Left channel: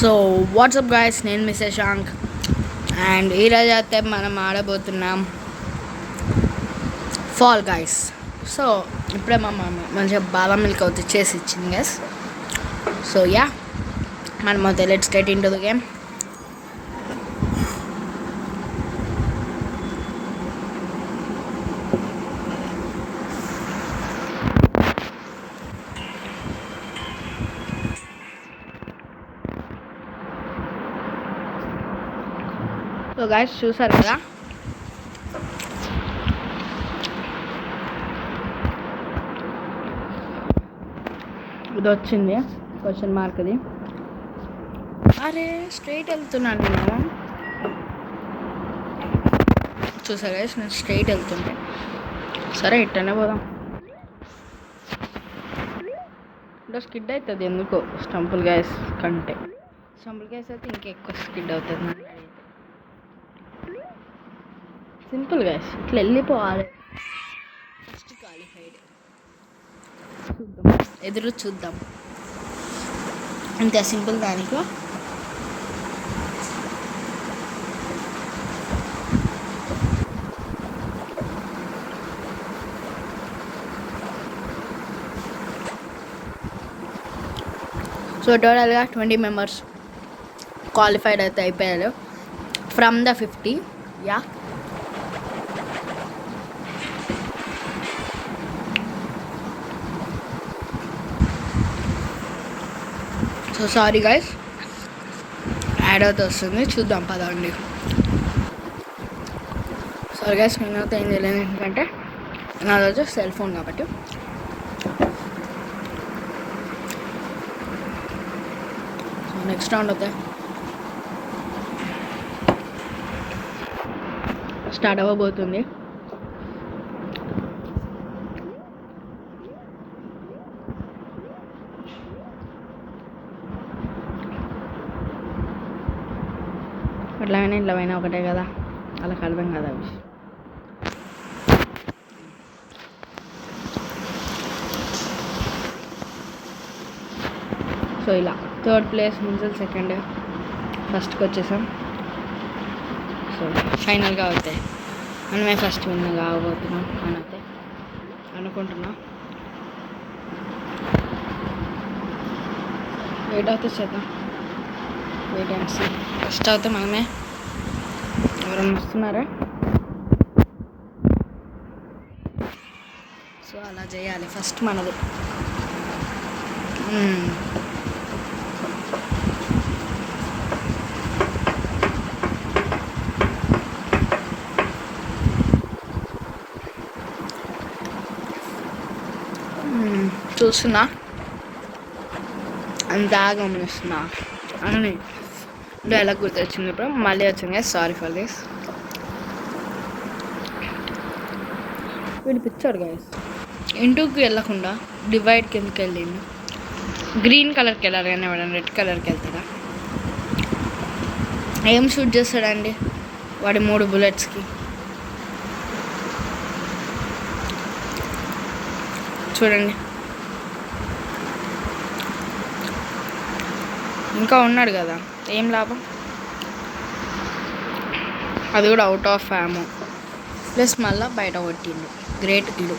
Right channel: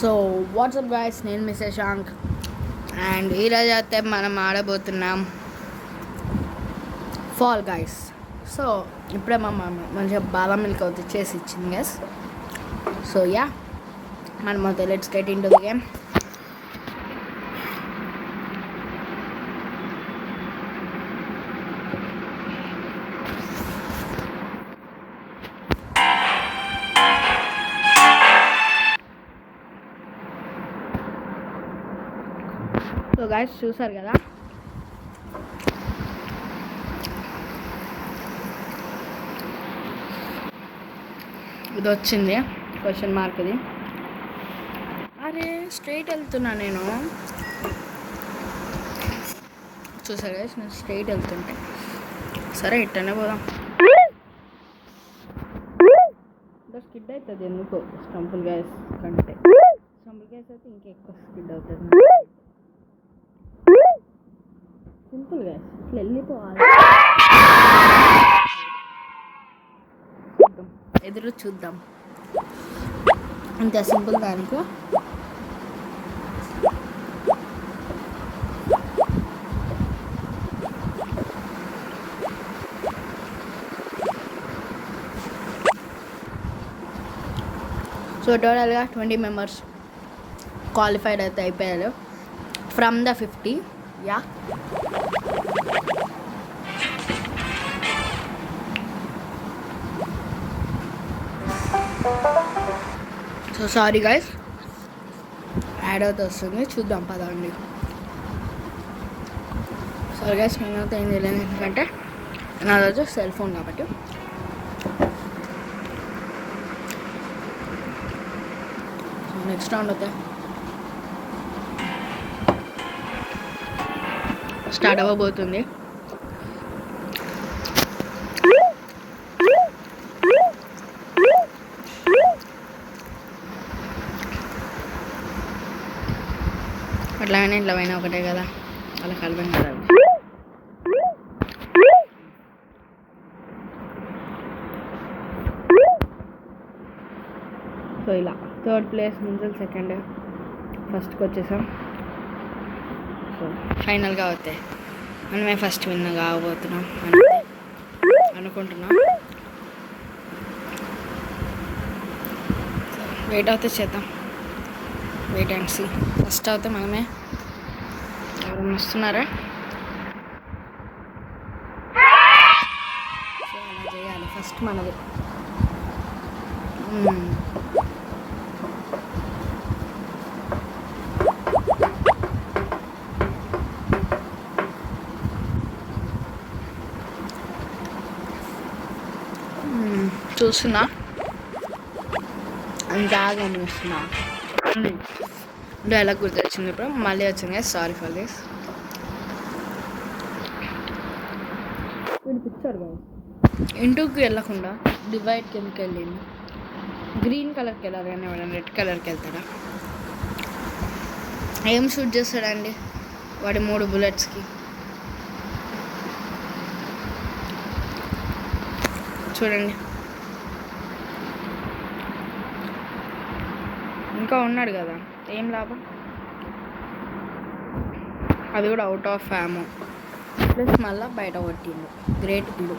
So WhatsApp guys, నేను మిస్ శశాంక్ అండ్ ఈరోజు అయితే మనం ఆడబోతున్నాం ఫాల్ గాయస్. సో ఇప్పుడే మా మమ్మీ మంచిగా బాదం మిల్క్ అవుతుంది చేసి ఇచ్చింది గైస్. సో యా, మనం అయితే let's get in to the game. So guys, చూసారు కదా, ఇది వచ్చింది క్వశ్చన్ మార్క్. ఇది అరే స్ట్రైట్ వెళ్తున్నా నేను. చూసారు గాయస్, నేను స్ట్రైట్ వెళ్తుంటే. సరే ఇట్టనే పోదాం. ఇంకా స్కిడ్ అవుతుంది ఎందుకో స్టంపుల్ గ్యాస్ కంటే. స్టంపుల్ గ్యాస్ అయితే ఇంకెక్కువ స్కిడ్ అవుతుంది. సింపుల్ గ్యాస్ ఇట్లా వెళ్ళిపోవాలి. ఎదురు చూద్దాం, అంతే సింపుల్. దానికి సో టోటల్గా 20 మెంబర్స్ క్వాలిఫైడ్ అయితే అయిపోయారు from the 50. Yeah, so sorry guys, add అవుతూ వస్తుంది, చూద్దాం పదండి. సారీ గైస్, నేనైతే ఏం తెలియదు ఎందుకంటే నా రోజు సెల్ ఫోన్ కాబట్టి. నెక్స్ట్ రౌండ్ అవుతాయి స్టార్ట్ అవ్వబోతుంది. అట్లాగైనా ఇట్లా అయినా ఒకటే కదా, వాళ్ళకి అర్థం కదా. సో ఇలా థర్డ్ ప్లేస్ నుంచి సెకండ్ ఫస్ట్కి వచ్చేసాం. సో ఫైనల్గా అవుతాయి మనమే ఫస్ట్ విన్ కావబోతున్నాం అనుకుంటున్నాం. వెయిట్ అవుతే చేద్దాం, వెయిట్ అండ్ సీ. ఫస్ట్ అవుతే మనమే. ఎవరైనా వస్తున్నారా? సో అలా చేయాలి, ఫస్ట్ మనది. చూస్తున్నా, అంతా గమనిస్తున్నా అని డైలాగ్ గుర్తొచ్చింది ఇప్పుడు, మళ్ళీ వచ్చింది. Sorry for this. వీడు పిచ్చాడు గైస్, ఇంటూకి వెళ్ళకుండా డివైడ్ కిందకి వెళ్ళిండు. గ్రీన్ కలర్కి వెళ్ళాలి కానీ వాడు రెడ్ కలర్కి వెళ్తాడా? ఏం షూట్ చేస్తాడండి వాడి 3 బుల్లెట్స్కి? చూడండి, ఇంకా ఉన్నాడు కదా, ఏం లాభం? అది కూడా అవుట్ ఆఫ్ యామో ప్లస్ మళ్ళీ బయట కొట్టిండు. గ్రేట్ గిల్లు.